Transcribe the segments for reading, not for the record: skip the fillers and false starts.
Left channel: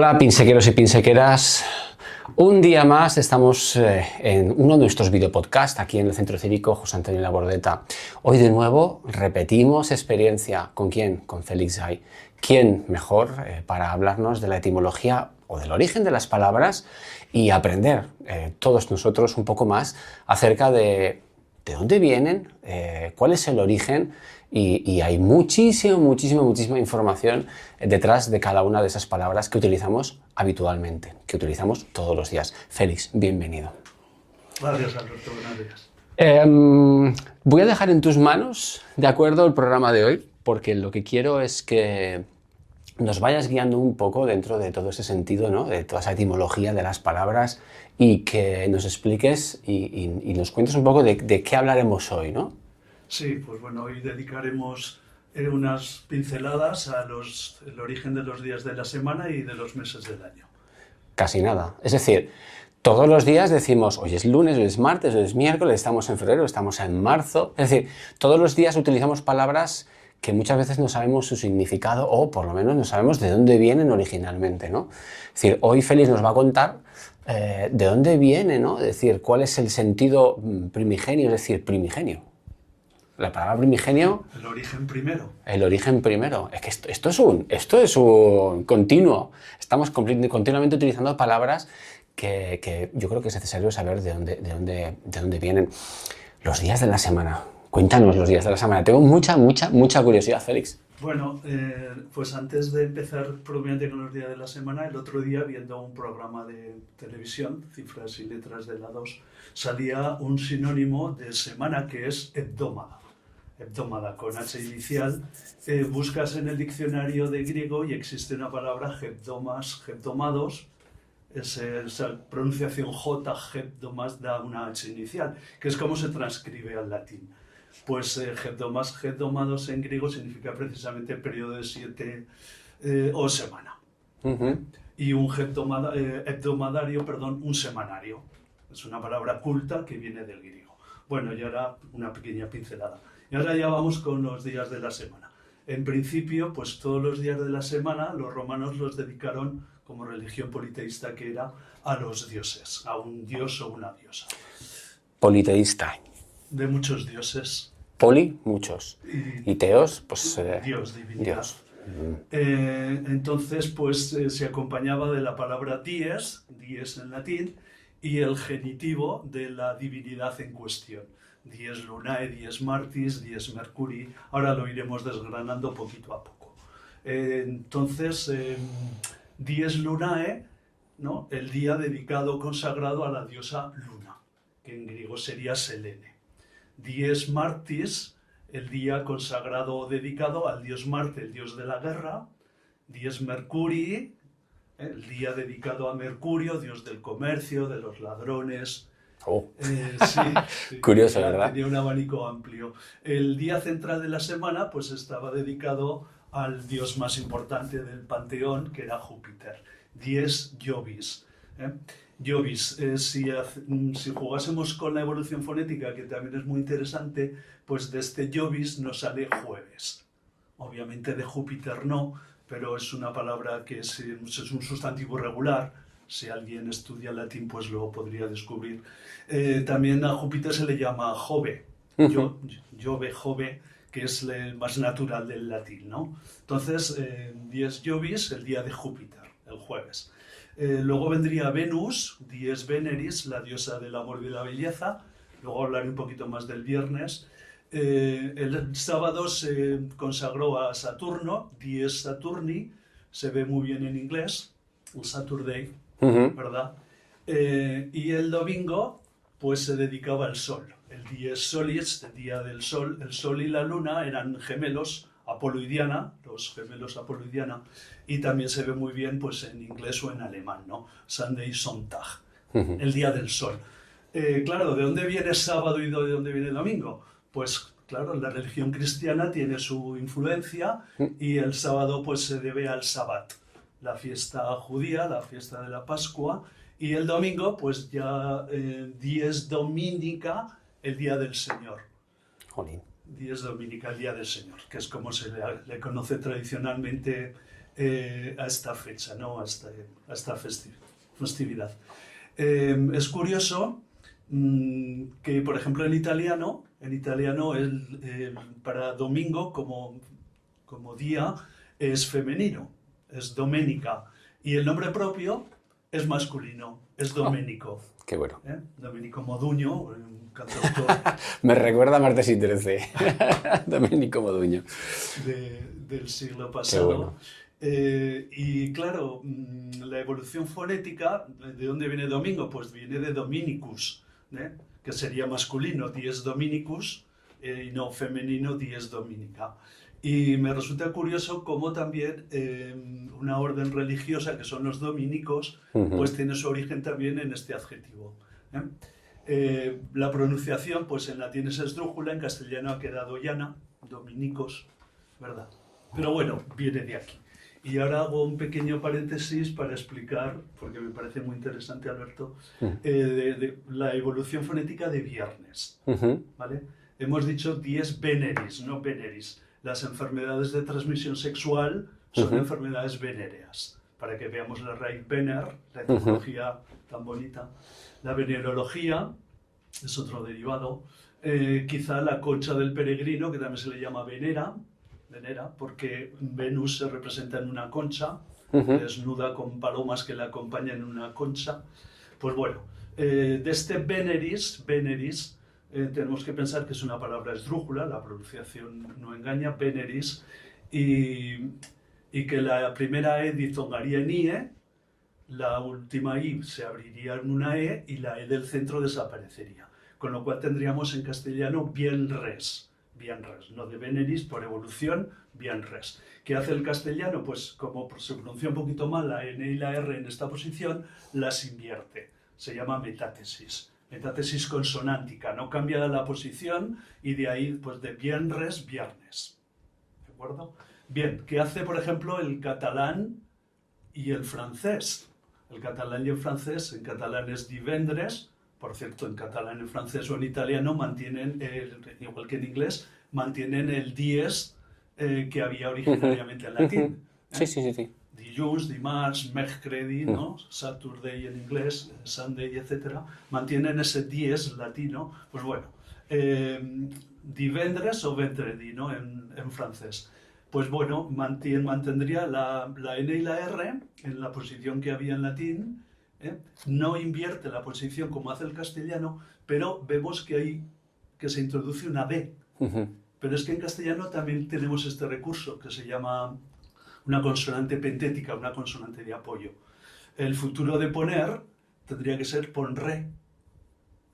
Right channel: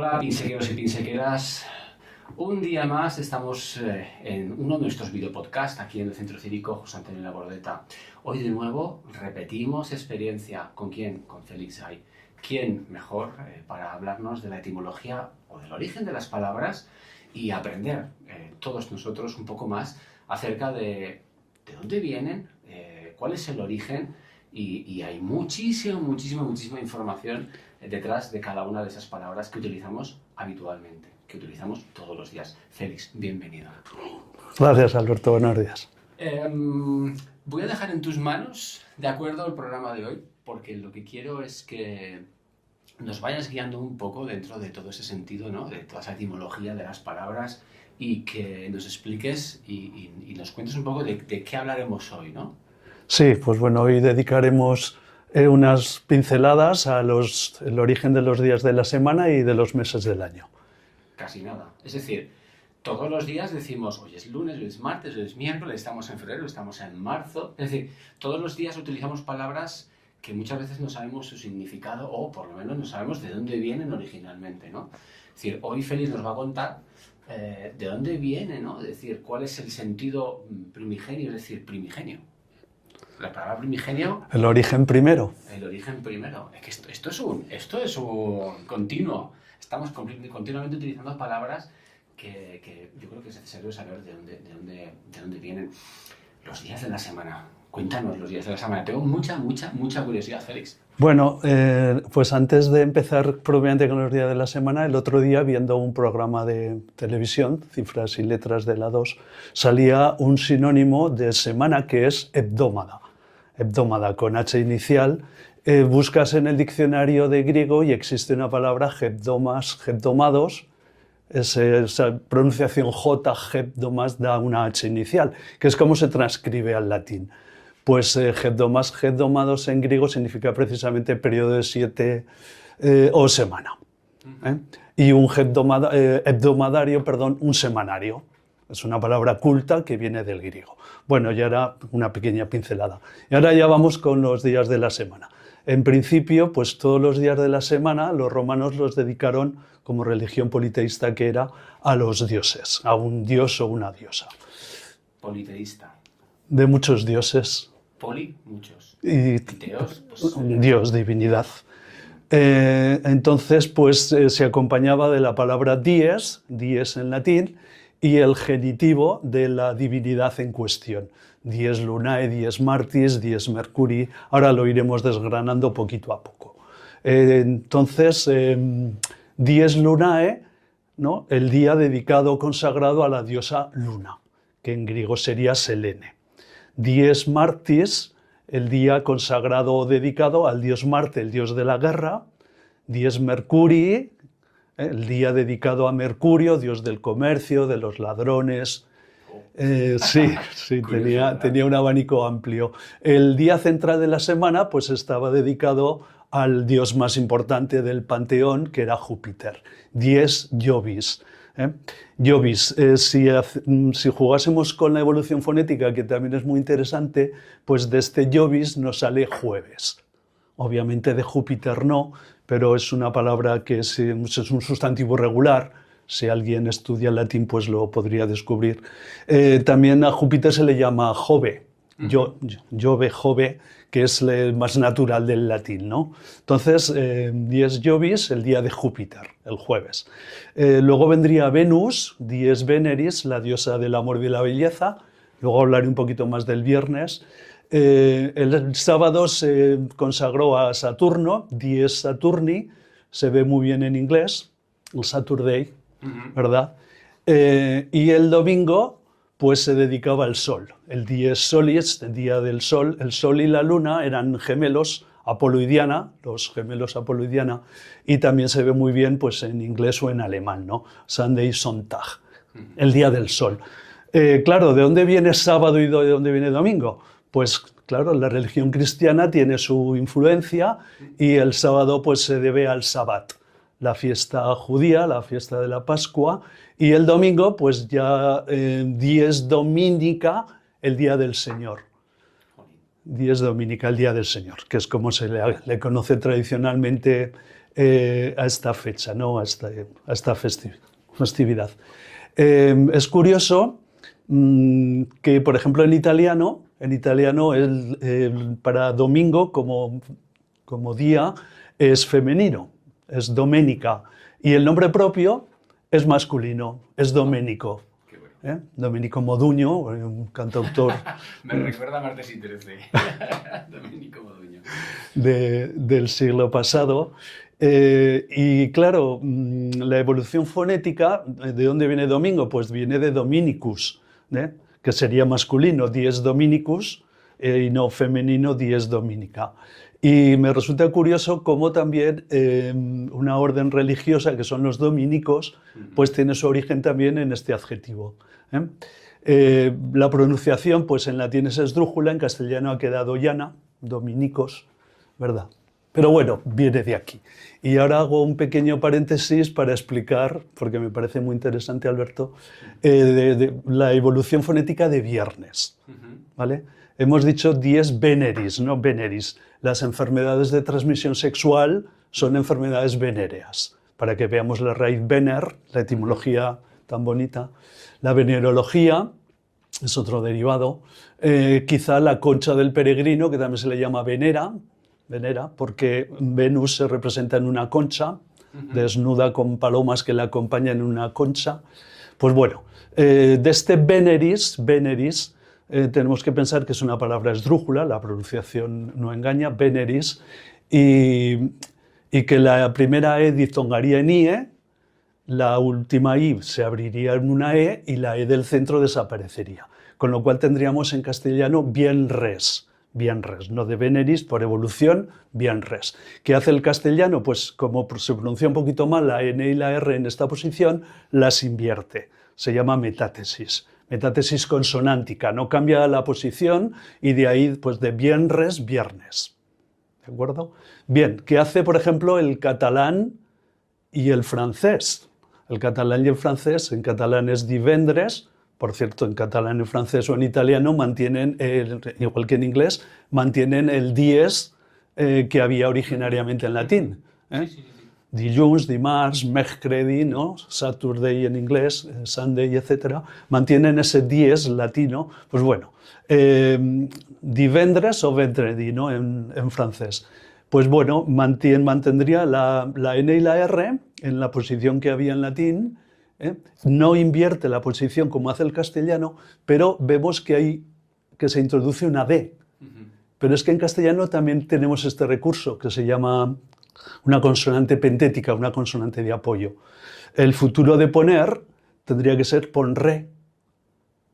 Hola pinsequeros y pinsequeras, un día más estamos en uno de nuestros videopodcasts aquí en el Centro Cívico José Antonio Labordeta. Hoy de nuevo repetimos experiencia. ¿Con quién? Con Félix Gay. ¿Quién mejor para hablarnos de la etimología o del origen de las palabras y aprender todos nosotros un poco más acerca de dónde vienen, cuál es el origen? Y hay muchísima información detrás de cada una de esas palabras que utilizamos habitualmente, que utilizamos todos los días. Félix, bienvenido. Gracias, Alberto. Buenos días. Voy a dejar en tus manos, de acuerdo, el programa de hoy, porque lo que quiero es que nos vayas guiando un poco dentro de todo ese sentido, ¿no? De toda esa etimología de las palabras y que nos expliques y nos cuentes un poco de qué hablaremos hoy, ¿no? Sí, pues bueno, hoy dedicaremos unas pinceladas al origen de los días de la semana y de los meses del año. Casi nada. Es decir, todos los días decimos, hoy es lunes, hoy es martes, hoy es miércoles, estamos en febrero, estamos en marzo. Es decir, todos los días utilizamos palabras que muchas veces no sabemos su significado o por lo menos no sabemos de dónde vienen originalmente, ¿no? Es decir, hoy Félix nos va a contar de dónde viene, ¿no? Es decir, cuál es el sentido primigenio, es decir, primigenio. La palabra primigenio... El origen primero. El origen primero. Es que esto es un continuo. Estamos continuamente utilizando palabras que yo creo que es necesario saber de dónde vienen. Los días de la semana. Cuéntanos los días de la semana. Tengo mucha curiosidad, Félix. Bueno, pues antes de empezar propiamente con los días de la semana, el otro día, viendo un programa de televisión, Cifras y Letras de la 2, salía un sinónimo de semana que es hebdómada. Hebdómada con H inicial. Buscas en el diccionario de griego y existe una palabra hebdómados. Esa pronunciación J, hebdomas, da una H inicial, que es como se transcribe al latín. Pues hebdomados en griego significa precisamente periodo de 7 o semana. Y un hebdomadario, un semanario. Es una palabra culta que viene del griego. Bueno, ya era una pequeña pincelada. Y ahora ya vamos con los días de la semana. En principio, pues todos los días de la semana los romanos los dedicaron, como religión politeísta que era, a los dioses, a un dios o una diosa. Politeísta. De muchos dioses. Poli, muchos. Y teos, pues... Dios, divinidad. Entonces, pues se acompañaba de la palabra dies en latín, y el genitivo de la divinidad en cuestión. Dies lunae, dies martis, dies mercuri. Ahora lo iremos desgranando poquito a poco. Entonces, dies lunae, ¿no? El día dedicado, consagrado a la diosa Luna, que en griego sería Selene. Dies martis, el día consagrado o dedicado al dios Marte, el dios de la guerra. Dies mercuri, el día dedicado a Mercurio, dios del comercio, de los ladrones. Sí, Curioso, tenía un abanico amplio. El día central de la semana pues estaba dedicado al dios más importante del panteón, que era Júpiter. Dies Jovis. Jovis, si jugásemos con la evolución fonética, que también es muy interesante, pues de este Jovis nos sale jueves. Obviamente de Júpiter no, pero es una palabra que es un sustantivo regular. Si alguien estudia latín, pues lo podría descubrir. También a Júpiter se le llama Jove, Jove, que es el más natural del latín, ¿no? Entonces, dies Jovis, el día de Júpiter, el jueves. Luego vendría Venus, dies Veneris, la diosa del amor y de la belleza. Luego hablaré un poquito más del viernes. El sábado se consagró a Saturno, dies Saturni, se ve muy bien en inglés, el Saturday, ¿verdad? Y el domingo pues se dedicaba al sol, el dies solis, el día del sol. El sol y la luna eran gemelos, Apolo y Diana, los gemelos Apolo y Diana, y también se ve muy bien pues en inglés o en alemán, ¿no? Sunday Sonntag, el día del sol. Claro, ¿de dónde viene sábado y de dónde viene domingo? Pues claro, la religión cristiana tiene su influencia y el sábado pues se debe al Sabbat, la fiesta judía, la fiesta de la Pascua, y el domingo pues ya dies dominica, el día del Señor. Jolín. Dies dominica, el día del Señor, que es como se le conoce tradicionalmente a esta fecha, ¿no? A esta festividad. Es curioso que, por ejemplo, en italiano para domingo como día es femenino, es domenica, y el nombre propio es masculino, es Domenico. Qué bueno. Domenico Modugno, un cantautor Me recuerda a Martes y 13. Domenico Modugno. del siglo pasado. Y claro, la evolución fonética, ¿de dónde viene domingo? Pues viene de Dominicus, que sería masculino, dies Dominicus, y no femenino, dies Dominica. Y me resulta curioso cómo también una orden religiosa, que son los dominicos, pues tiene su origen también en este adjetivo. La pronunciación, pues en latín es esdrújula, en castellano ha quedado llana, dominicos, ¿verdad? Pero bueno, viene de aquí. Y ahora hago un pequeño paréntesis para explicar, porque me parece muy interesante, Alberto, de la evolución fonética de viernes, ¿vale? Hemos dicho dies veneris, no veneris. Las enfermedades de transmisión sexual son enfermedades venéreas. Para que veamos la raíz vener, la etimología tan bonita. La venerología es otro derivado. Quizá la concha del peregrino, que también se le llama venera, porque Venus se representa en una concha, desnuda con palomas que la acompañan en una concha. Pues bueno, de este veneris, tenemos que pensar que es una palabra esdrújula, la pronunciación no engaña, veneris, y que la primera E diftongaría en IE, la última I se abriría en una E y la E del centro desaparecería. Con lo cual tendríamos en castellano bienres, no de veneris, por evolución, bienres. ¿Qué hace el castellano? Pues como se pronuncia un poquito mal la N y la R en esta posición, las invierte. Se llama metátesis. Metátesis consonántica, no cambia la posición y de ahí, pues de bienres, viernes. ¿De acuerdo? Bien, ¿qué hace, por ejemplo, el catalán y el francés? El catalán y el francés, en catalán es divendres, por cierto, en catalán, en francés o en italiano mantienen, igual que en inglés, mantienen el dies que había originariamente en latín. Sí. Dilluns, dimarts, mercredi, ¿no? Saturday en inglés, Sunday, etc. Mantienen ese dies latino. Pues bueno, divendres o vendredi, ¿no? En francés. Pues bueno, mantendría la N y la R en la posición que había en latín. No invierte la posición como hace el castellano, pero vemos que se introduce una D. Pero es que en castellano también tenemos este recurso que se llama una consonante pentética, una consonante de apoyo. El futuro de poner tendría que ser ponré.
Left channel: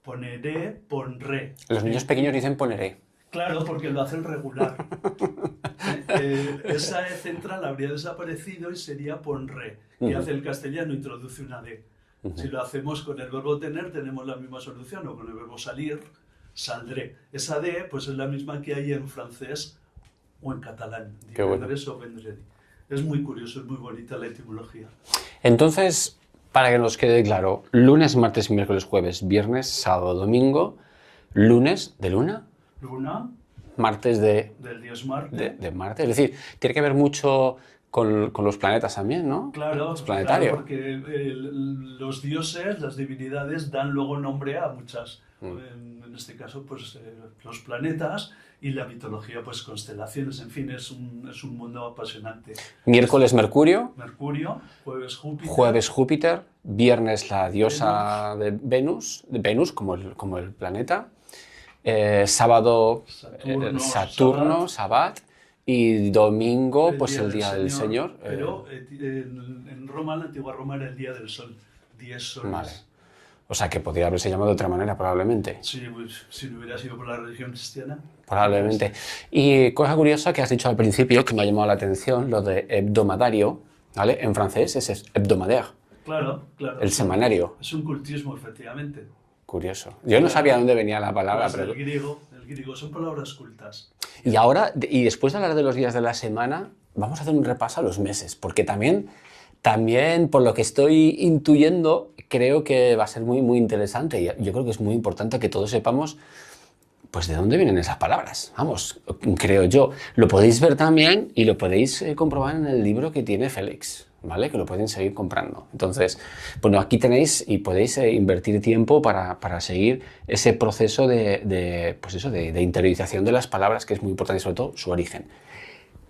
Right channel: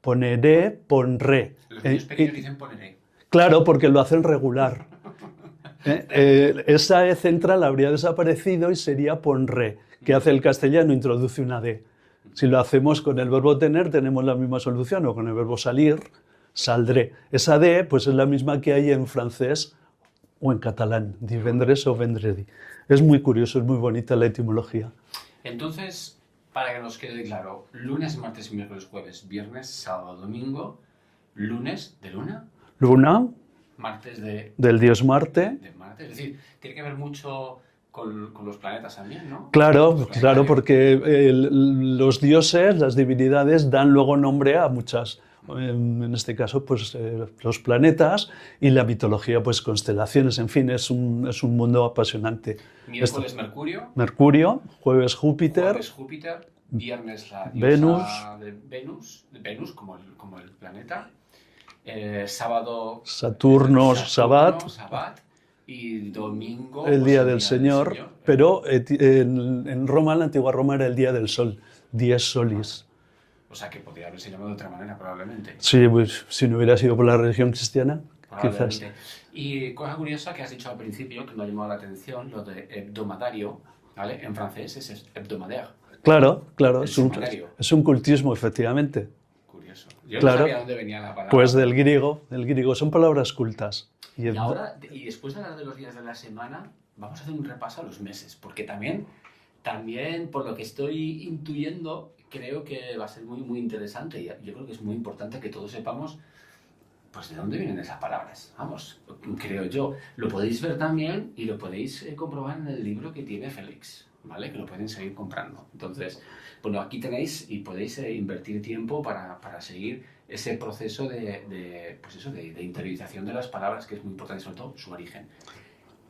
Poneré, ponré. Los niños pequeños dicen poneré. Claro, porque lo hacen regular. Esa E central habría desaparecido y sería ponré. ¿Qué hace el castellano? Introduce una D. Si lo hacemos con el verbo tener, tenemos la misma solución, o con el verbo salir, saldré. Esa D pues, es la misma que hay en francés o en catalán, divendres o vendredi. Es muy curioso, es muy bonita la etimología. Entonces, para que nos quede claro, lunes, martes, miércoles, jueves, viernes, sábado, domingo, lunes de luna. Luna. Martes del dios Marte. De Marte. Es decir, tiene que ver mucho con los planetas también, ¿no? Claro, porque los dioses, las divinidades, dan luego nombre a muchas. En este caso, pues los planetas y la mitología, pues constelaciones. En fin, es un mundo apasionante. Miércoles Mercurio. Mercurio, jueves Júpiter. Jueves Júpiter, viernes la diosa Venus. de Venus como el planeta. Sábado Saturno, Sabbat. Y domingo, el pues día el del día Señor. del Señor. Pero en Roma, en la antigua Roma, era el día del Sol, dies solis. Vale. O sea, que podría haberse llamado de otra manera, probablemente. Sí, pues si no hubiera sido por la religión cristiana. Probablemente. Quizás. Y cosa curiosa que has dicho al principio, que me ha llamado la atención, lo de hebdomadario, ¿vale? En francés es hebdomadaire. Claro. El semanario. Es un cultismo, efectivamente. Curioso. Yo no sabía dónde venía la palabra. Pues del griego, son palabras cultas. Y ahora, y después de hablar de los días de la semana, vamos a hacer un repaso a los meses, porque también por lo que estoy intuyendo, creo que va a ser muy, muy interesante. Y yo creo que es muy importante que todos sepamos pues ¿de dónde vienen esas palabras? Vamos, creo yo. Lo podéis ver también y lo podéis comprobar en el libro que tiene Félix, ¿vale? Que lo pueden seguir comprando. Entonces, bueno, aquí tenéis y podéis invertir tiempo para seguir ese proceso pues eso, de interiorización de las palabras, que es muy importante, sobre todo su origen.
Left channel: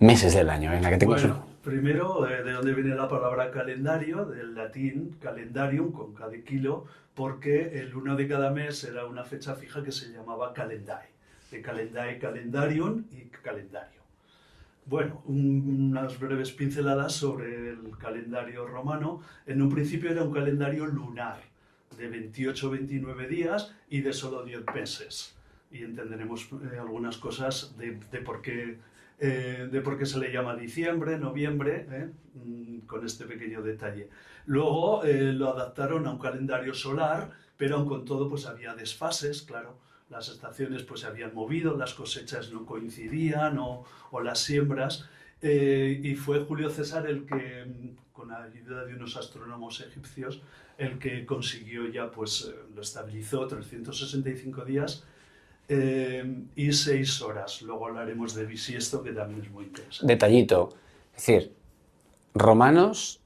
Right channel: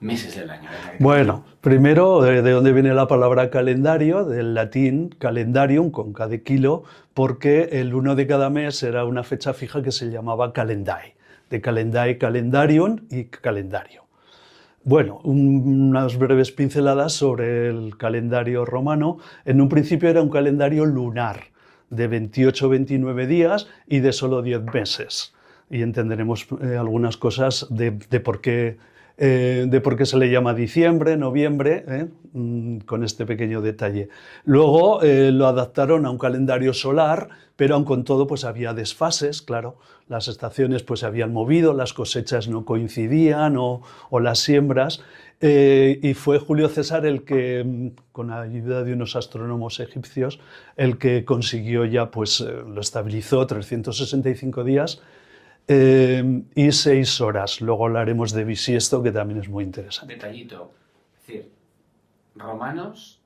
Meses del año, venga, que te Bueno, primero, ¿de dónde viene la palabra calendario? Del latín calendarium, con K de kilo, porque el 1 de cada mes era una fecha fija que se llamaba calendae. De calendae, calendarium y calendario. Bueno, unas breves pinceladas sobre el calendario romano. En un principio era un calendario lunar, de 28-29 días y de solo 10 meses. Y entenderemos algunas cosas de por qué se le llama diciembre, noviembre, con este pequeño detalle. Luego lo adaptaron a un calendario solar, pero aun con todo pues había desfases, claro. Las estaciones pues se habían movido, las cosechas no coincidían o las siembras. Y fue Julio César el que, con la ayuda de unos astrónomos egipcios, el que consiguió ya, pues lo estabilizó 365 días. Y 6 horas. Luego hablaremos de bisiesto, que también es muy interesante. Detallito, es decir, romanos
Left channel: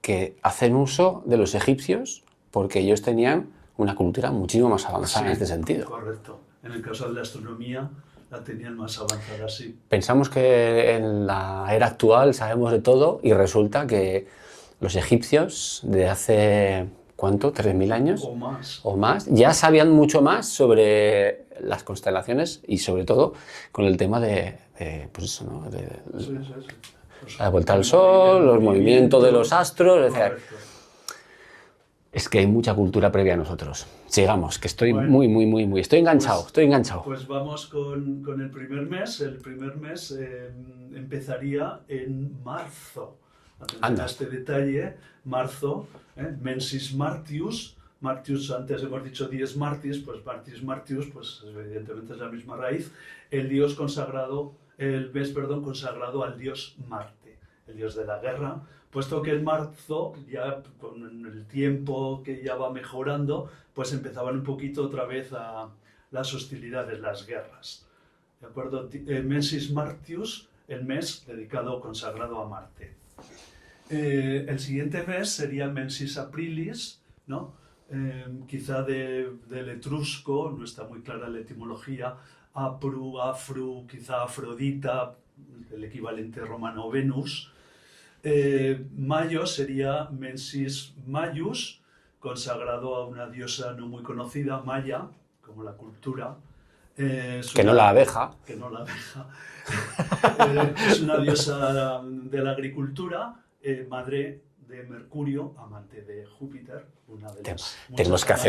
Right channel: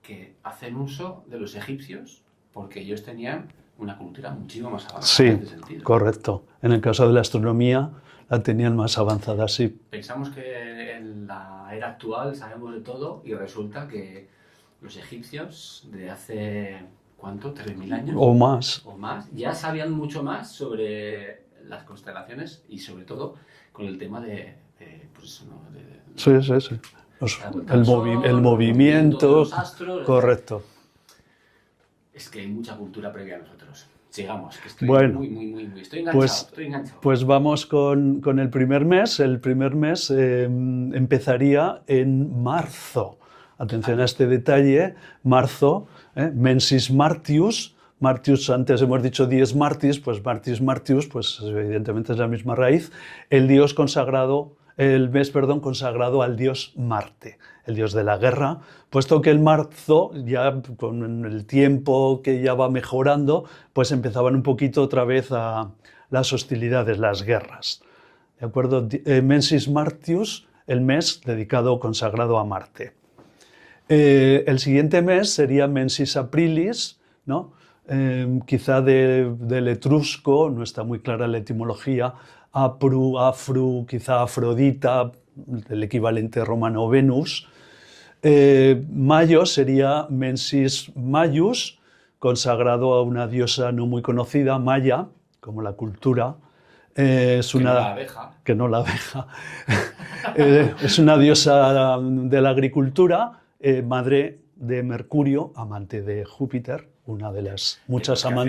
que hacen uso de los egipcios porque ellos tenían una cultura muchísimo más avanzada en este sentido. Correcto. En el caso de la astronomía la tenían más avanzada, sí. Pensamos que en la era actual sabemos de todo y resulta que los egipcios de hace, ¿cuánto? ¿3.000 años? O más. O más. Ya sabían mucho más sobre las constelaciones y sobre todo con el tema pues eso, ¿no? Sí. La vuelta al sol, el movimiento de los astros. Correcto. Es que hay mucha cultura previa a nosotros. Sigamos, que estoy muy... Estoy enganchado, Pues vamos con el primer mes. El primer mes empezaría en marzo. Atención a este detalle. Marzo, Mensis Martius. Martius, antes hemos dicho dies Martis, pues Martius, pues evidentemente es la misma raíz. El mes consagrado al dios Marte, el dios de la guerra, puesto que el marzo, ya con el tiempo que ya va mejorando, pues empezaban un poquito otra vez a las hostilidades, las guerras. ¿De acuerdo? Mensis Martius, el mes dedicado, consagrado a Marte. El siguiente mes sería Mensis Aprilis, ¿no? Quizá del etrusco, no está muy clara la etimología, Afru, quizá Afrodita, el equivalente romano Venus. Mayo sería Mensis Maius, consagrado a una diosa no muy conocida, Maya, como la cultura. Que no la abeja. Que no la abeja. Es una diosa de la agricultura, madre de Mercurio, amante de Júpiter, una de las muchas amantes.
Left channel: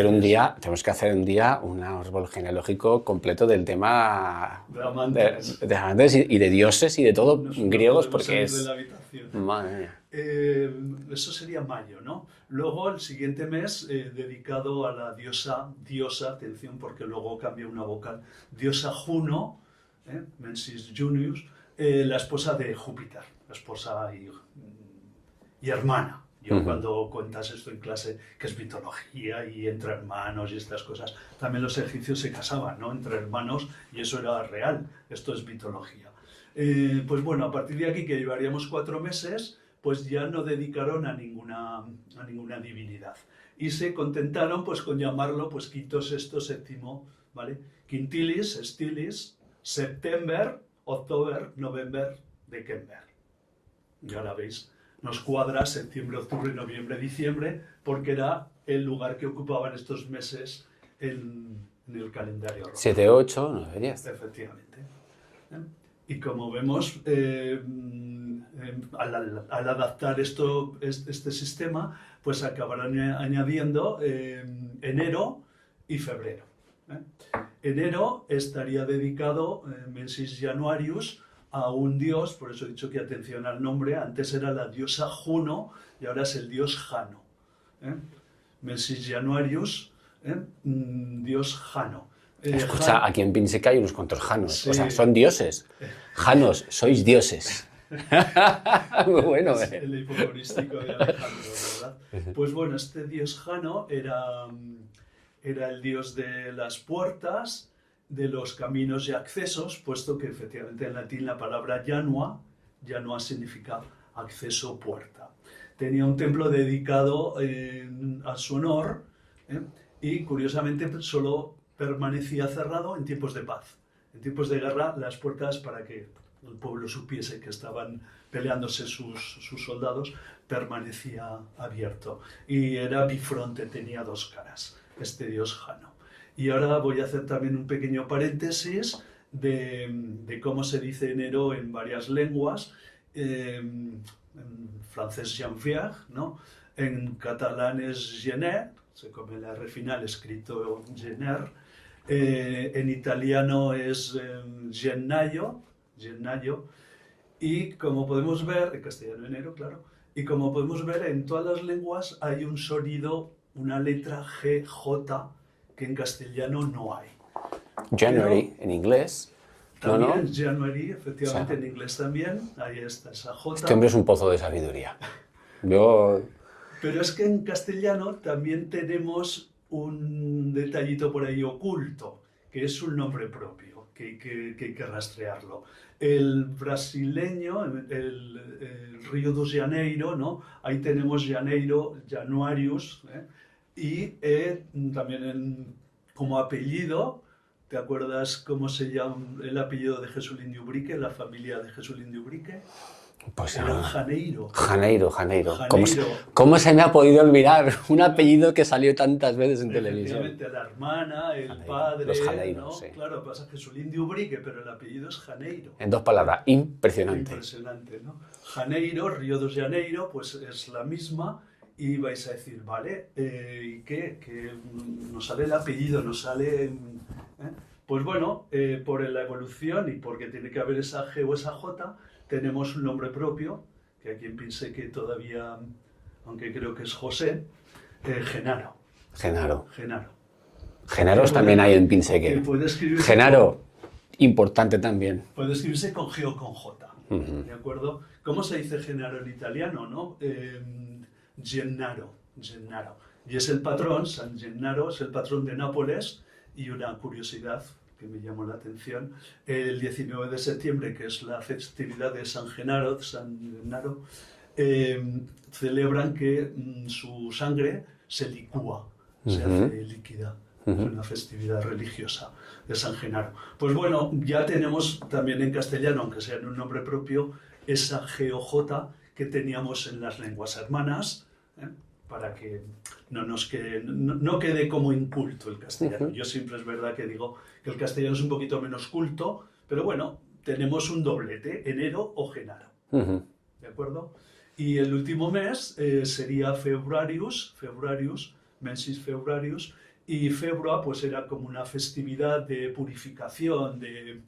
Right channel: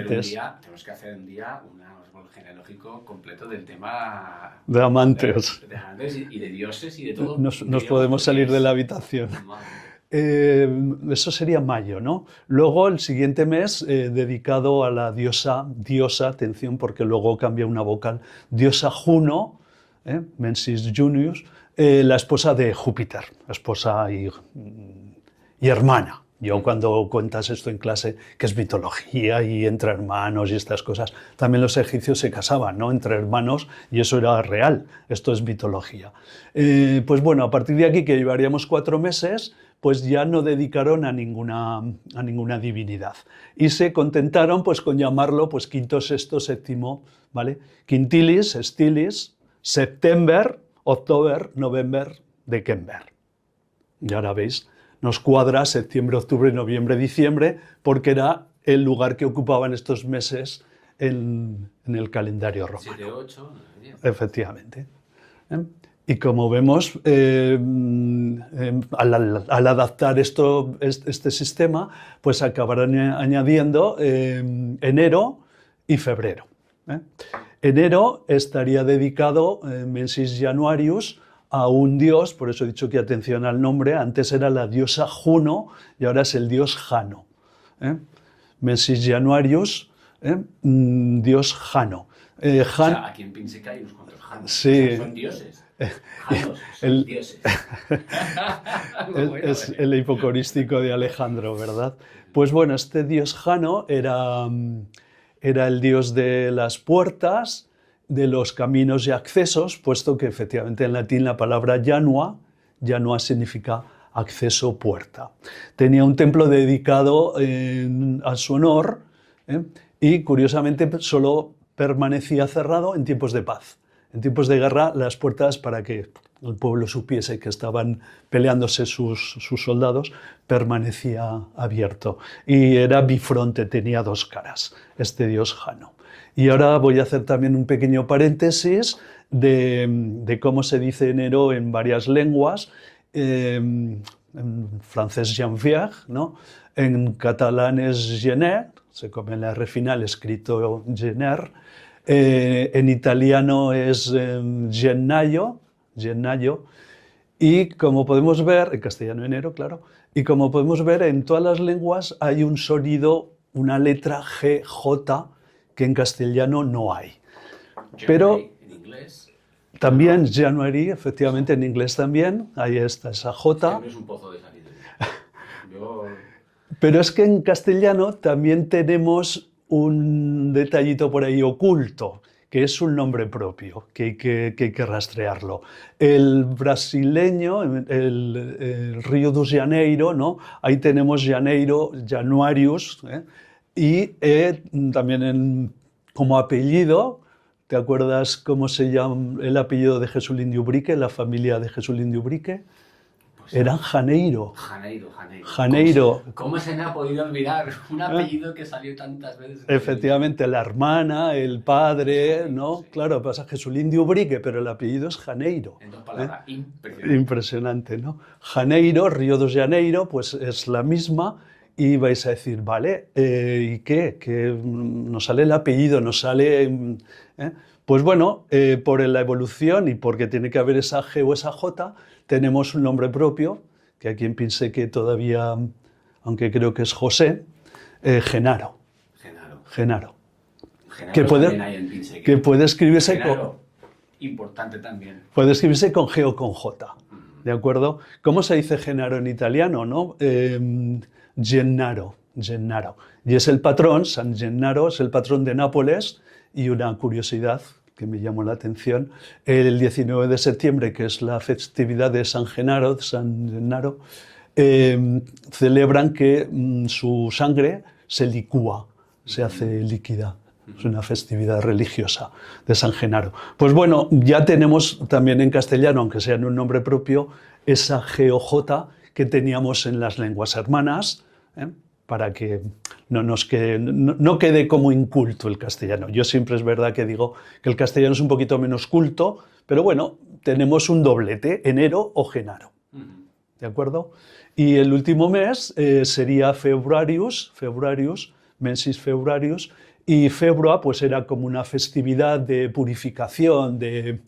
Tenemos que hacer un día un árbol genealógico completo del tema de amantes. De amantes y de dioses y de todo. Nos podemos salir de la habitación. Eso sería mayo, ¿no? Luego el siguiente mes dedicado a la diosa, atención porque luego cambia una vocal, diosa Juno, Mensis Junius, la esposa de Júpiter, esposa y hermana. Yo cuando cuentas esto en clase, que es mitología y entre hermanos y estas cosas, también los egipcios se casaban, ¿no? Entre hermanos, y eso era real. Esto es mitología. Pues bueno, a partir de aquí, que llevaríamos 4 meses, pues ya no dedicaron a ninguna divinidad. Y se contentaron pues con llamarlo pues quinto, sexto, séptimo, ¿vale? Quintilis, Stilis, September, October, November, December. Y ahora veis, nos cuadra septiembre, octubre, noviembre, diciembre, porque era el lugar que ocupaban estos meses en el calendario romano. 7, 8, 9, 10. Efectivamente. Y como vemos, al adaptar este sistema, pues acabarán añadiendo enero y febrero. Enero estaría dedicado, Mensis Januarius, a un dios, por eso he dicho que atención al nombre, antes era la diosa Juno y ahora es el dios Jano. Mensis Januarius, dios Jano. O sea, aquí en Pinseca hay unos cuantos Janos. Sí. O sea, son dioses. Janos, sois dioses. Bueno, es el hipocorístico de Alejandro, ¿verdad? Pues bueno, este dios Jano era el dios de las puertas de los caminos y accesos, puesto que efectivamente en latín la palabra janua significa acceso, puerta. Tenía un templo dedicado a su honor, y curiosamente solo permanecía cerrado en tiempos de paz. En tiempos de guerra, las puertas, para que el pueblo supiese que estaban peleándose sus soldados, permanecía abierto. Y era bifronte, tenía dos caras, este dios Jano. Y ahora voy a hacer también un pequeño paréntesis de cómo se dice enero en varias lenguas. En francés Janvier, ¿no? En catalán es gener, se come la R final escrito gener. En italiano es gennaio, y como podemos ver, en castellano enero, claro, y como podemos ver en todas las lenguas hay un sonido, una letra G, J, que en castellano no hay. January, en inglés. También ¿no? January, efectivamente, en inglés también, ahí está esa J. Este hombre es un pozo de sabiduría. Yo... Pero es que en castellano también tenemos un detallito por ahí oculto, que es un nombre propio, que hay que rastrearlo. El brasileño, el Río de Janeiro, ¿no? Ahí tenemos Janeiro, Januarius, y también como apellido, ¿te acuerdas cómo se llama el apellido de Jesulín de Ubrique, la familia de Jesulín de Ubrique? Pues Eran no. Janeiro. Janeiro. Janeiro. ¿Cómo se me ha podido olvidar un apellido que salió tantas veces en Efectivamente, televisión? la hermana, el Janeiro, padre, los Janeiro, ¿no? sí. Claro, pasa Jesulín de Ubrique, pero el apellido es Janeiro. En dos palabras, impresionante. Impresionante, ¿no? Janeiro, Río de Janeiro, pues es la misma, y vais a decir, vale, ¿y qué? Que nos sale el apellido, nos sale... Pues bueno, por la evolución y porque tiene que haber esa G o esa J, tenemos un nombre propio, que aquí en Pinseque todavía, aunque creo que es José, Genaro. Genaro. Genaro. Genaros también hay en Pinseque. Que puede escribirse Genaro, importante también. puede escribirse con G o con J, ¿de acuerdo? ¿Cómo se dice Genaro en italiano, no? Gennaro. Y es el patrón, San Gennaro, es el patrón de Nápoles, y una curiosidad que me llamó la atención, el 19 de septiembre, que es la festividad de San Genaro, celebran que su sangre se licúa, se hace líquida. Es una festividad religiosa de San Genaro. Pues bueno, ya tenemos también en castellano, aunque sea en un nombre propio, esa G o J que teníamos en las lenguas hermanas, para que no quede como inculto el castellano. Yo siempre es verdad que digo que el castellano es un poquito menos culto, pero bueno, tenemos un doblete, enero o genaro. ¿De acuerdo? Y el último mes sería Februarius, mensis Februarius, y Februa pues era como una festividad de purificación, de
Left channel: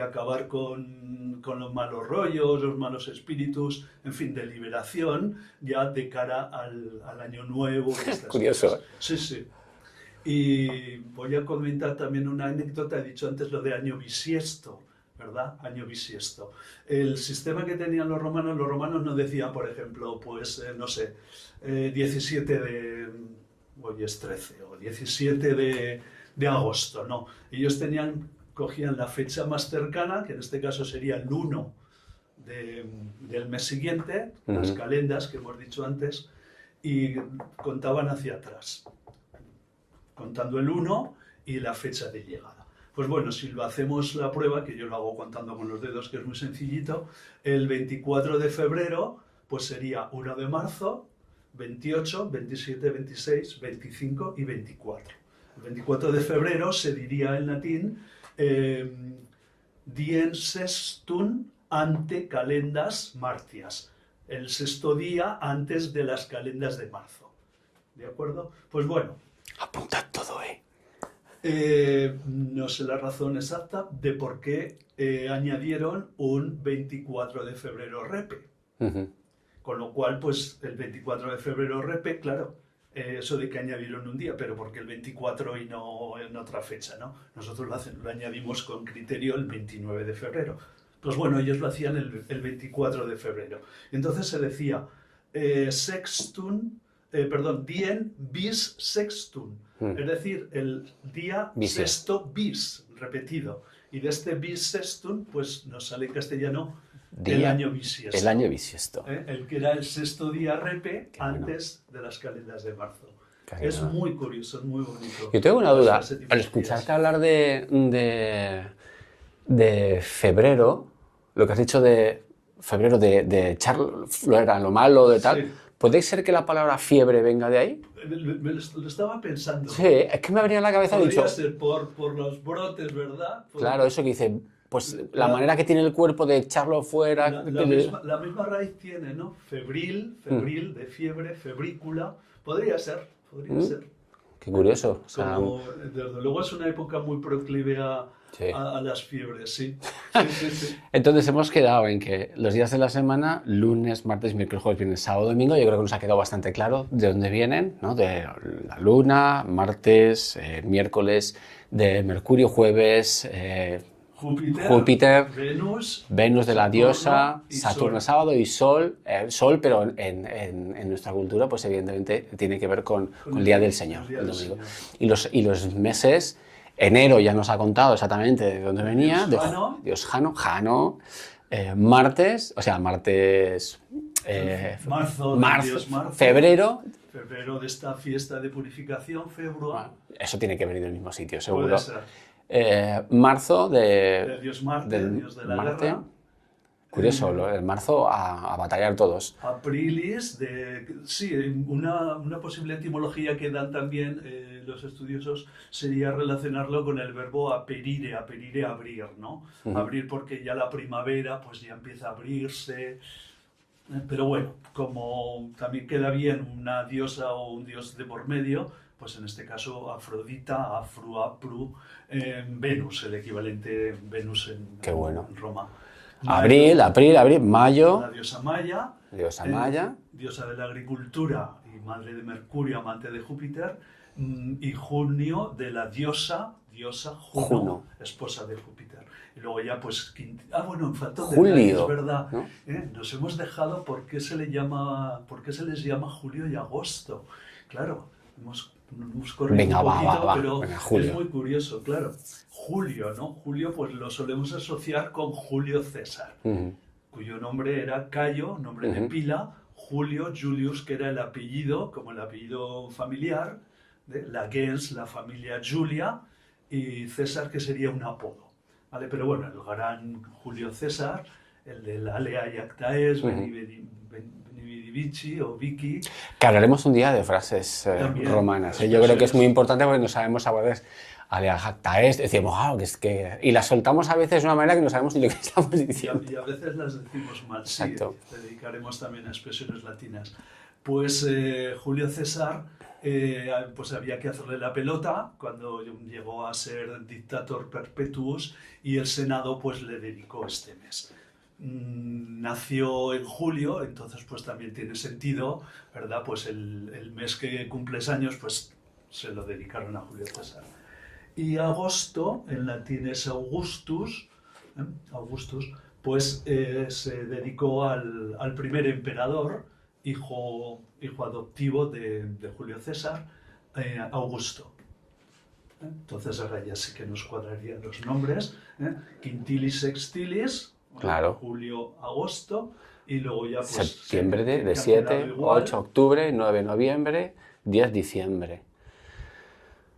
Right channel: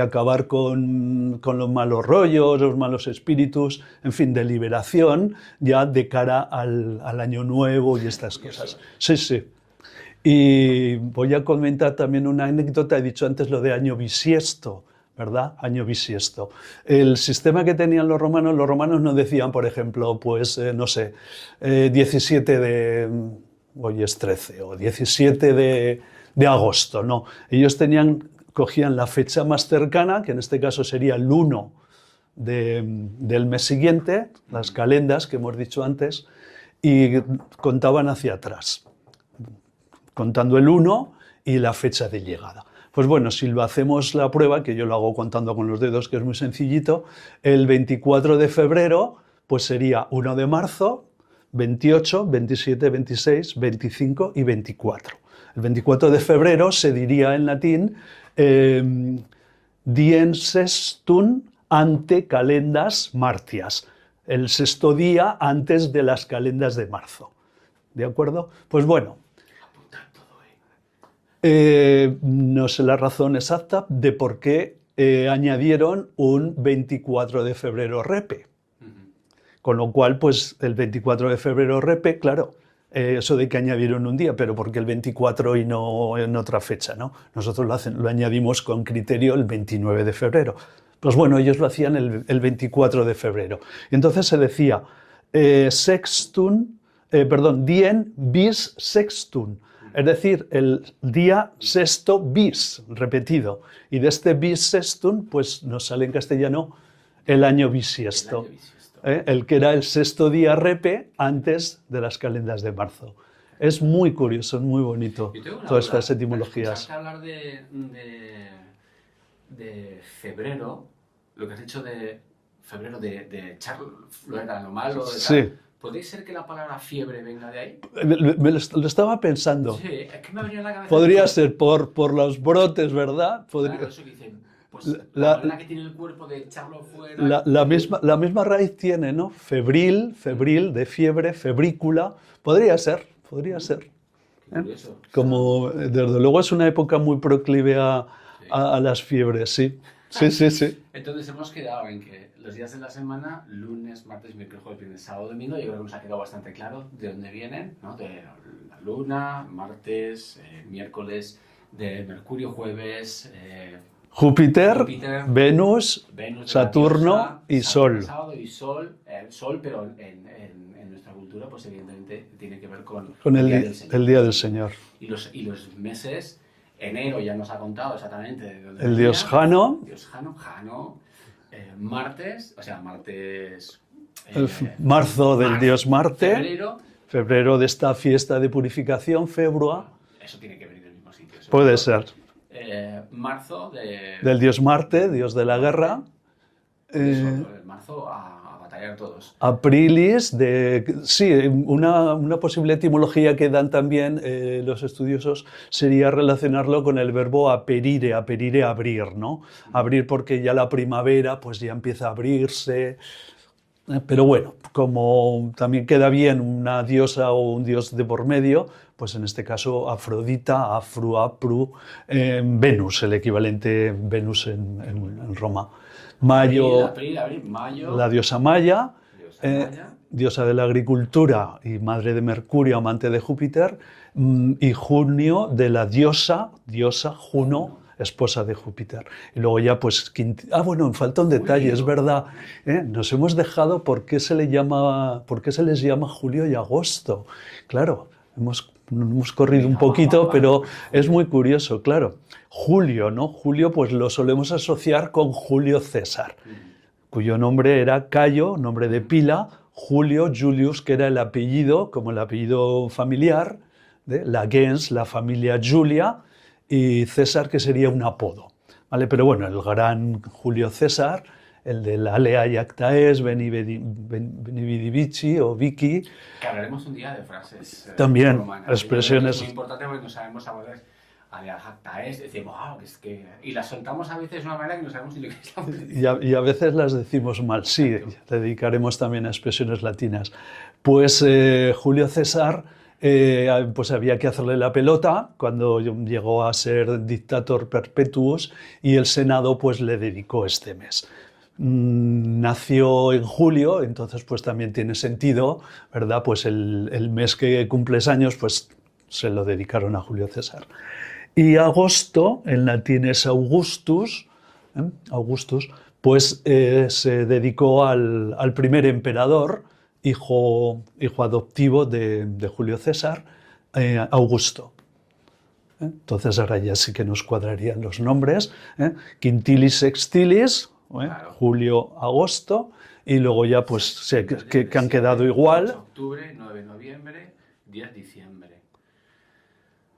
acabar con los malos rollos, los malos espíritus, en fin, de liberación, ya de cara al año nuevo y estas Curioso. cosas. Sí, sí. Y voy a comentar también una anécdota, he dicho antes lo de año bisiesto, ¿verdad? Año bisiesto. El sistema que tenían los romanos no decían, por ejemplo, pues, no sé, 17 de... hoy es 13, o 17 de agosto, no. Ellos cogían la fecha más cercana, que en este caso sería el 1 del mes siguiente, las calendas que hemos dicho antes, y contaban hacia atrás, contando el 1 y la fecha de llegada. Pues bueno, si lo hacemos la prueba, que yo lo hago contando con los dedos, que es muy sencillito, el 24 de febrero pues sería 1 de marzo, 28, 27, 26, 25 y 24. El 24 de febrero se diría en latín diem sextum ante calendas martias, el sexto día antes de las calendas de marzo. ¿De acuerdo? Pues bueno. Apuntad todo, ¿eh? No sé la razón exacta de por qué añadieron un 24 de febrero repe. Con lo cual, pues el 24 de febrero repe, claro, eso de que añadieron un día, pero ¿por qué el 24 y no en otra fecha, ¿no? Nosotros lo añadimos con criterio el 29 de febrero. Pues bueno, ellos lo hacían el 24 de febrero. Y entonces se decía sextum dien bis sextum, es decir, el día sexto bis, repetido. Y de este bis sextum, pues nos sale en castellano el año bisiesto. El año bisiesto. El que era el sexto día repe antes de las calendas de marzo. Es muy curioso, es muy bonito. Yo tengo una todas duda. estas Al etimologías. escucharte hablar de febrero, lo que has dicho de febrero, de echar flora, lo malo, de tal, Sí. ¿puede ser que la palabra fiebre venga de ahí? Lo estaba pensando. Sí, es que me venía a la cabeza. Podría mucho. ser por los brotes, ¿verdad? Claro, eso que dice, pues la La- manera que tiene el cuerpo de echarlo fuera. La misma raíz tiene, ¿no? Febril, de fiebre, febrícula. Podría ser. Qué curioso. O sea, Como, desde luego es una época muy proclive Sí. a las fiebres, sí. Sí. entonces hemos quedado en que los días de la semana, lunes, martes, miércoles, jueves, viernes, sábado, domingo, yo creo que nos ha quedado bastante claro de dónde vienen, ¿no? De la luna, martes, miércoles, de Mercurio, juenes, Júpiter, Venus de la Saturno diosa, y Saturno, Sol. sábado y Sol, pero en nuestra cultura, pues evidentemente tiene que ver con Con el Día del Señor. el Día del Señor. Y los meses, enero ya nos ha contado exactamente de dónde El venía. dios Jano. Dios Jano. Martes, Marzo del dios Marte. febrero, De esta fiesta de purificación, Februa. eso tiene que venir del mismo sitio, seguro. Puede ser. Marzo Del dios Marte, dios de la Marte. guerra. Curioso, el marzo a batallar todos. Aprilis, sí, una posible etimología que dan también los estudiosos sería relacionarlo con el verbo aperire, abrir, ¿no? Abrir porque ya la primavera pues ya empieza a abrirse. Pero bueno, como también queda bien una diosa o un dios de por medio, pues en este caso Afrodita, Afru, Apru, Venus, el equivalente Venus en Roma. Abril, mayo. La diosa Maya, Maya. diosa de la agricultura y madre de Mercurio, amante de Júpiter, y junio de la diosa Juno, esposa de Júpiter. Y luego ya pues... bueno, me falta un detalle, es verdad. ¿no? Nos hemos dejado por qué se les llama julio y agosto. Claro, hemos corrido un poquito, pero es muy curioso, claro. Julio, ¿no? Julio pues lo solemos asociar con Julio César, cuyo nombre era Cayo, nombre de pila, Julio, Julius, que era el apellido, como el apellido familiar, de la gens, la familia Julia, y César, que sería un apodo, ¿vale? Pero bueno, el gran Julio César, el de la Alea y Actaes, Veni Vidi Vici o Vici. Que hablaremos un día de frases también, romanas. Yo creo que es muy importante porque no sabemos a veces Alea Actaes, decimos, y las soltamos a veces de una manera que no sabemos ni lo que estamos diciendo. Y a veces las decimos mal, sí, Exacto. Dedicaremos también a expresiones latinas. Pues Julio César, pues había que hacerle la pelota cuando llegó a ser dictator perpetuus y el Senado pues le dedicó este mes. Nació en julio, entonces pues también tiene sentido, ¿verdad? Pues el mes que cumples años pues se lo dedicaron a Julio César. Y agosto, en latín es Augustus, pues se dedicó al primer emperador, hijo adoptivo de Julio César, Augusto. Entonces ahora ya sí que nos cuadrarían los nombres. Quintilis Sextilis, Claro. Julio, agosto, y luego ya pues que han 7, quedado igual. 8 octubre, 9 noviembre, 10 diciembre.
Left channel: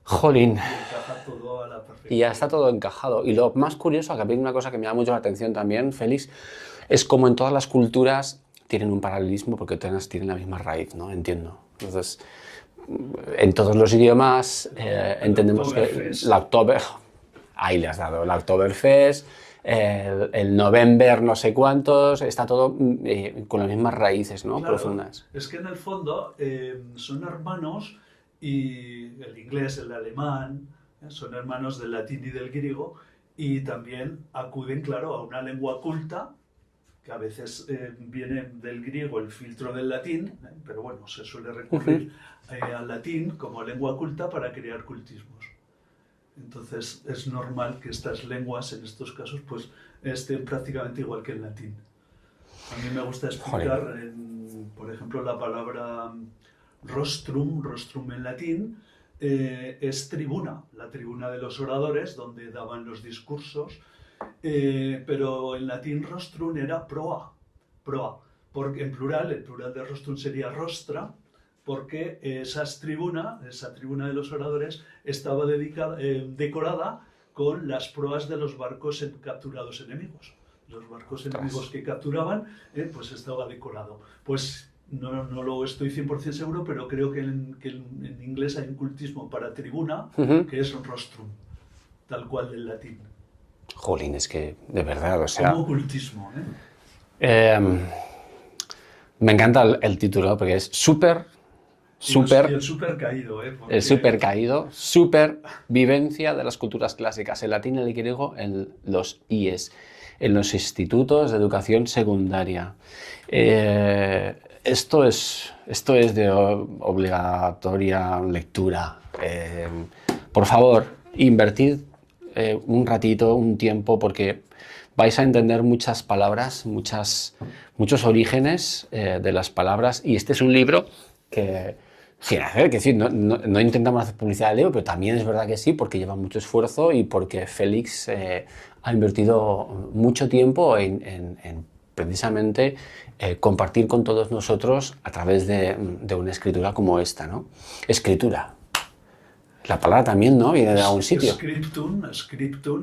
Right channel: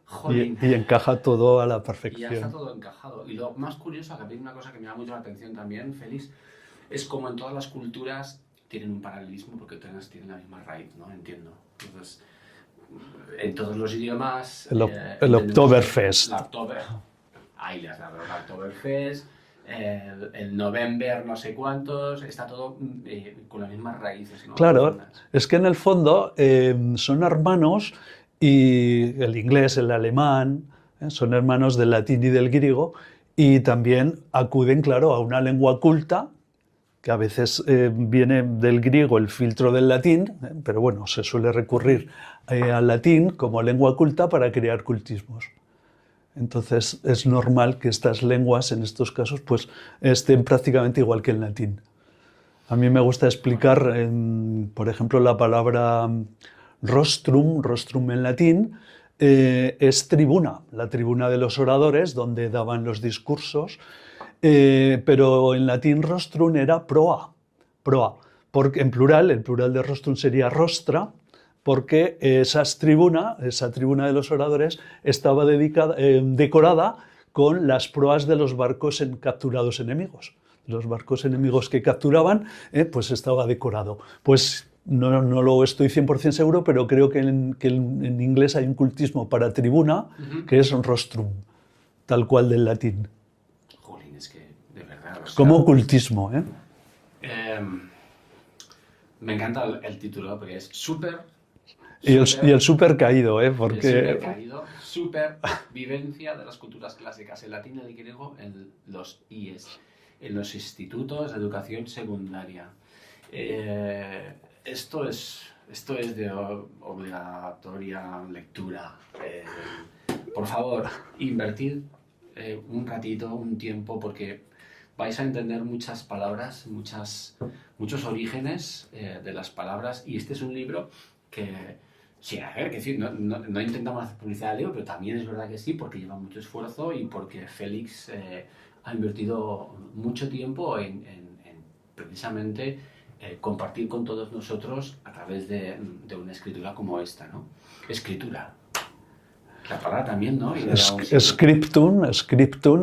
Jolín. Y encaja todo a la perfección. Y ya está todo encajado. Y lo más curioso, que a mí una cosa que me llama mucho la atención también, Félix, es como en todas las culturas tienen un paralelismo porque todas tienen la misma raíz, ¿no? Entiendo. Entonces, en todos los idiomas... El Oktoberfest. Ahí le has dado. El Oktoberfest, el November no sé cuántos, está todo con las mismas raíces, ¿no? Claro, profundas. Es que en el fondo son hermanos, y el inglés, el alemán, son hermanos del latín y del griego, y también acuden, claro, a una lengua culta, que a veces viene del griego el filtro del latín, pero bueno, se suele recurrir al latín como lengua culta para crear cultismos. Entonces es normal que estas lenguas, en estos casos, pues estén prácticamente igual que el latín. A mí me gusta explicar, por ejemplo, la palabra Rostrum en latín, es tribuna, la tribuna de los oradores, donde daban los discursos, pero en latín rostrum era proa, porque en plural, el plural de rostrum sería rostra, porque esa tribuna de los oradores estaba decorada con las proas de los barcos capturados enemigos. Los barcos enemigos que capturaban, pues estaba decorado. Pues no lo estoy 100% seguro, pero creo que en inglés hay un cultismo para tribuna, que es rostrum, tal cual del latín. Jolín, es que de verdad, o sea... Como ocultismo, me encanta el título porque es súper... Y el súper caído, porque... El súper caído, súper vivencia de las culturas clásicas, el latín y el griego en los IES, en los institutos de educación secundaria. Esto es de obligatoria lectura. Por favor, invertid un ratito, un tiempo, porque vais a entender muchas palabras, muchos orígenes de las palabras, y este es un libro que, sin hacer, que sí, no intentamos hacer publicidad del libro, pero también es verdad que sí, porque lleva mucho esfuerzo y porque Félix ha invertido mucho tiempo en precisamente compartir con todos nosotros a través de una escritura como esta, ¿no? Escritura. La palabra también, ¿no? Viene de algún sitio. Scriptum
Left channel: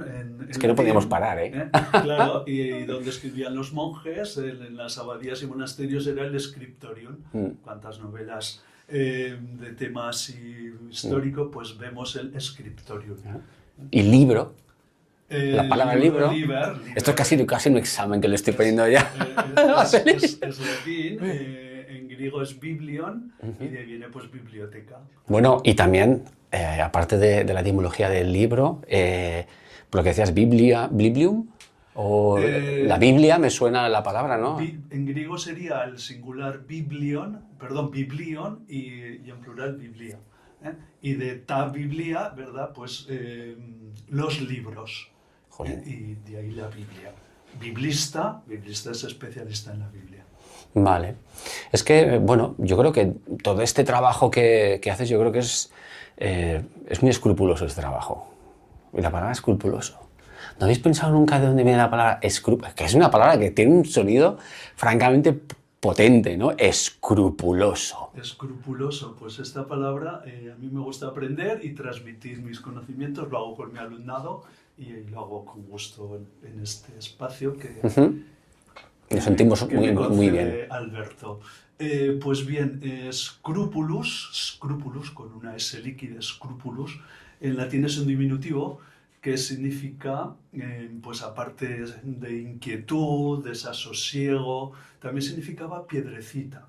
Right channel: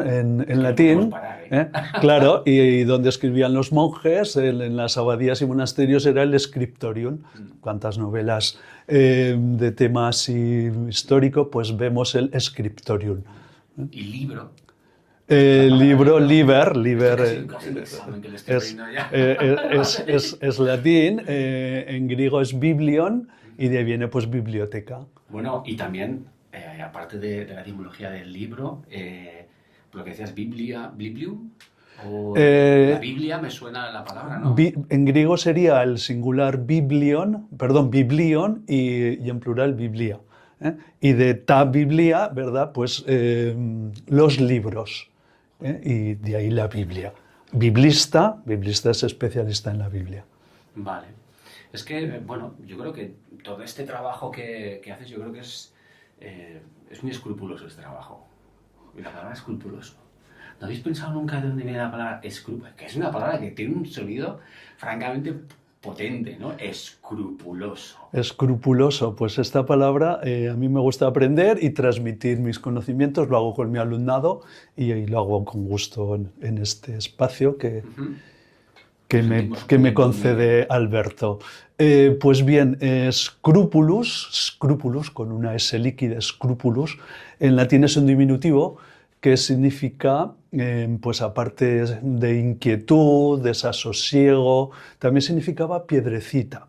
en es que latín. no podemos parar, ¿eh? Claro, y donde escribían los monjes, en las abadías y monasterios, era el scriptorium. Cuántas novelas de tema así histórico, pues vemos el scriptorium. Y libro. El libro, liber. Esto es casi un examen que le estoy poniendo ya. Es latín, en griego es biblion, y de ahí viene pues biblioteca. Bueno, y también, aparte de la etimología del libro, por lo que decías, biblium, o la Biblia, me suena la palabra, ¿no? En griego sería el singular biblion, y en plural biblia. Y de ta biblia, ¿verdad? Pues los libros. Y de ahí la Biblia. Biblista es especialista en la Biblia. Vale. Es que, bueno, yo creo que todo este trabajo que haces, yo creo que es muy escrupuloso este trabajo. Y la palabra escrupuloso. ¿No habéis pensado nunca de dónde viene la palabra escrupuloso? Que es una palabra que tiene un sonido francamente potente, ¿no? Escrupuloso. Escrupuloso, pues esta palabra a mí me gusta aprender y transmitir mis conocimientos, lo hago con mi alumnado y lo hago con gusto en este espacio que me concede Alberto. Pues bien, scrupulus, con una S líquida, scrupulus, en latín es un diminutivo que significa, pues aparte de inquietud, desasosiego, también significaba piedrecita,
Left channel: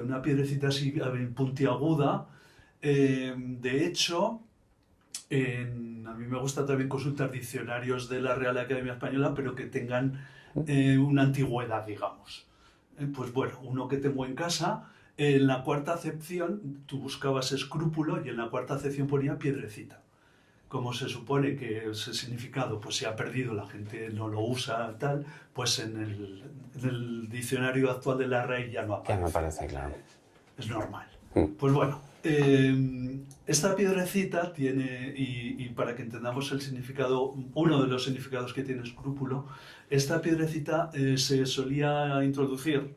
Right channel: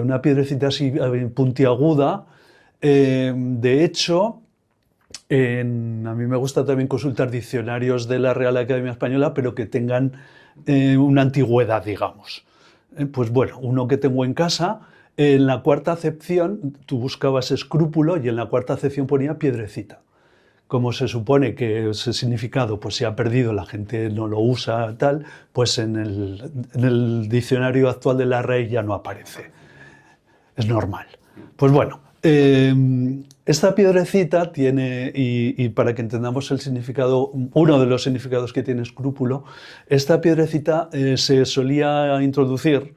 una piedrecita así puntiaguda. De hecho, a mí me gusta también consultar diccionarios de la Real Academia Española, pero que tengan una antigüedad, digamos. Pues bueno, uno que tengo en casa, en la cuarta acepción tú buscabas escrúpulo y en la cuarta acepción ponía piedrecita. Como se supone que ese significado pues, se ha perdido, la gente no lo usa, tal, pues en el diccionario actual de la RAE ya no aparece. No aparece, claro. Es normal. Pues bueno, esta piedrecita tiene, y para que entendamos el significado, uno de los significados que tiene escrúpulo, esta piedrecita se solía introducir,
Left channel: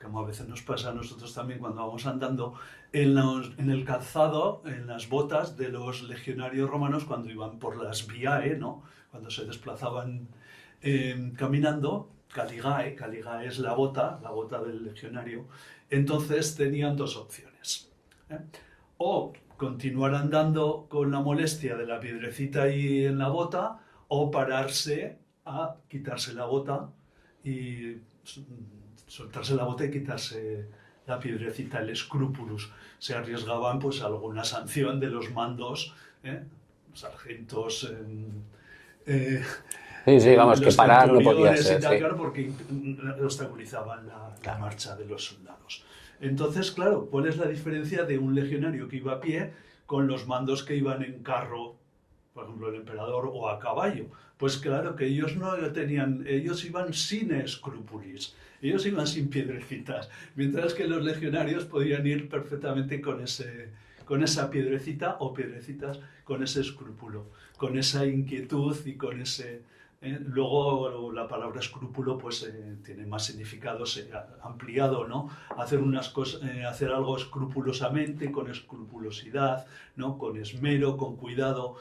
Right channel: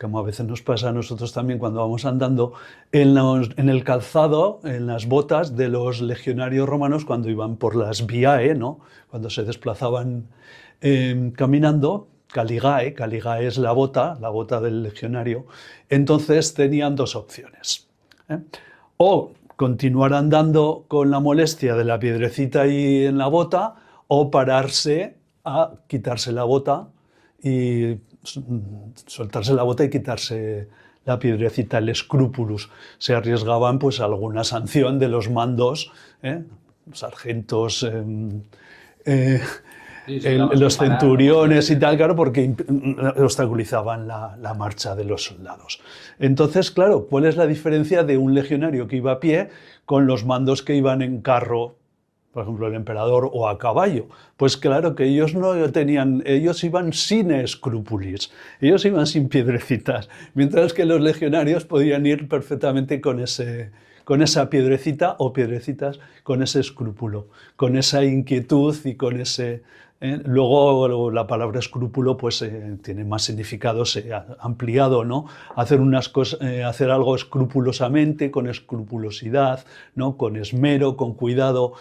como a veces nos pasa a nosotros también cuando vamos andando, en el calzado, en las botas de los legionarios romanos cuando iban por las viae, ¿no? Cuando se desplazaban caminando, caligae es la bota del legionario. Entonces tenían dos opciones. O continuar andando con la molestia de la piedrecita ahí en la bota, o pararse a quitarse la bota y soltarse la bota y quitarse la piedrecita, el scrupulus. Se arriesgaban pues a alguna sanción de los mandos, sargentos, vamos, los centuriones no y tal, sí. Claro, porque obstaculizaban la marcha de los soldados. Entonces, claro, ¿cuál es la diferencia de un legionario que iba a pie con los mandos que iban en carro por ejemplo el emperador, o a caballo. Pues claro que ellos no tenían, ellos iban sin escrúpulos, ellos iban sin piedrecitas, mientras que los legionarios podían ir perfectamente con esa piedrecita o piedrecitas, con ese escrúpulo, con esa inquietud y con ese... Luego la palabra escrúpulo pues, tiene más significado ampliado, ¿no? Hacer hacer algo escrupulosamente, con escrupulosidad, ¿no? Con esmero, con cuidado.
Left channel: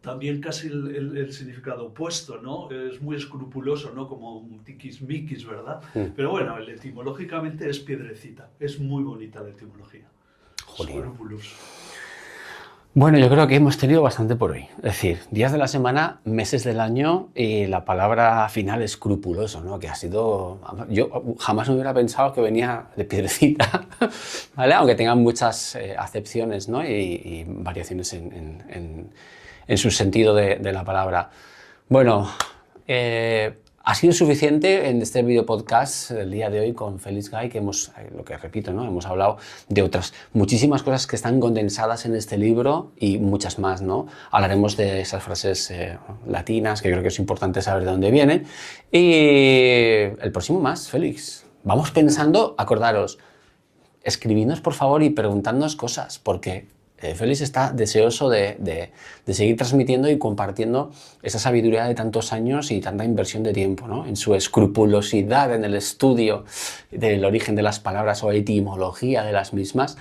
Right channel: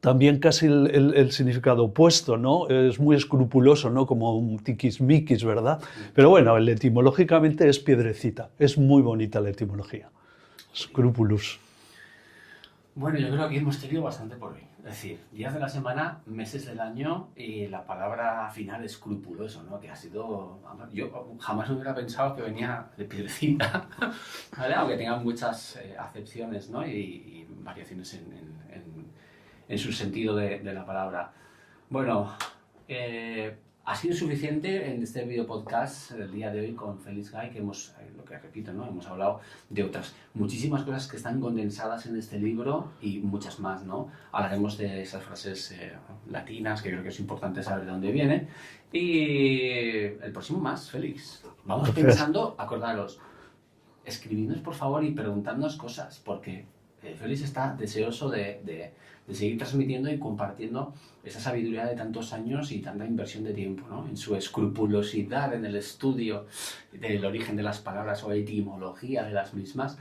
También casi el significado opuesto, ¿no? Es muy escrupuloso, ¿no? Como un tiquismiquis, ¿verdad? Pero bueno, etimológicamente es piedrecita. Es muy bonita la etimología. Scrupulus. Bueno, yo creo que hemos tenido bastante por hoy. Es decir, días de la semana, meses del año y la palabra final escrupuloso, ¿no? Que ha sido... Yo jamás me hubiera pensado que venía de piedrecita, ¿vale? Aunque tengan muchas acepciones, ¿no? y variaciones en su sentido de la palabra. Bueno, ha sido suficiente en este video podcast del día de hoy con Félix Gay, que hemos, lo que repito, ¿no? Hemos hablado de otras muchísimas cosas que están condensadas en este libro y muchas más, ¿no? Hablaremos de esas frases latinas, que creo que es importante saber de dónde vienen. Y el próximo más, Félix. Vamos pensando, acordaros, escribidnos por favor y preguntadnos cosas, porque Félix está deseoso de seguir transmitiendo y compartiendo esa sabiduría de tantos años y tanta inversión de tiempo, ¿no? En su escrupulosidad en el estudio del origen de las palabras o etimología de las mismas.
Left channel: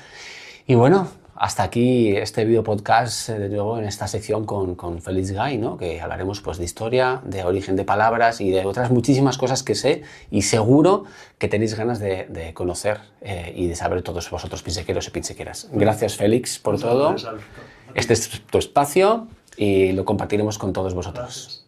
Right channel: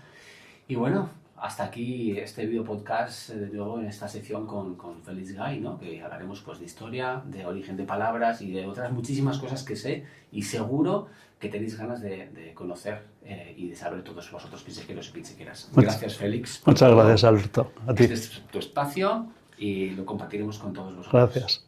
Y bueno, hasta aquí este video podcast, de nuevo en esta sección con Félix Gay, ¿no? Que hablaremos pues de historia, de origen de palabras y de otras muchísimas cosas que sé y seguro que tenéis ganas de conocer y de saber todos vosotros, pinsequeros y pinsequeras. Gracias, Félix, por Muchas todo. gracias, Alberto. Este es tu espacio y lo compartiremos con todos vosotros. Gracias.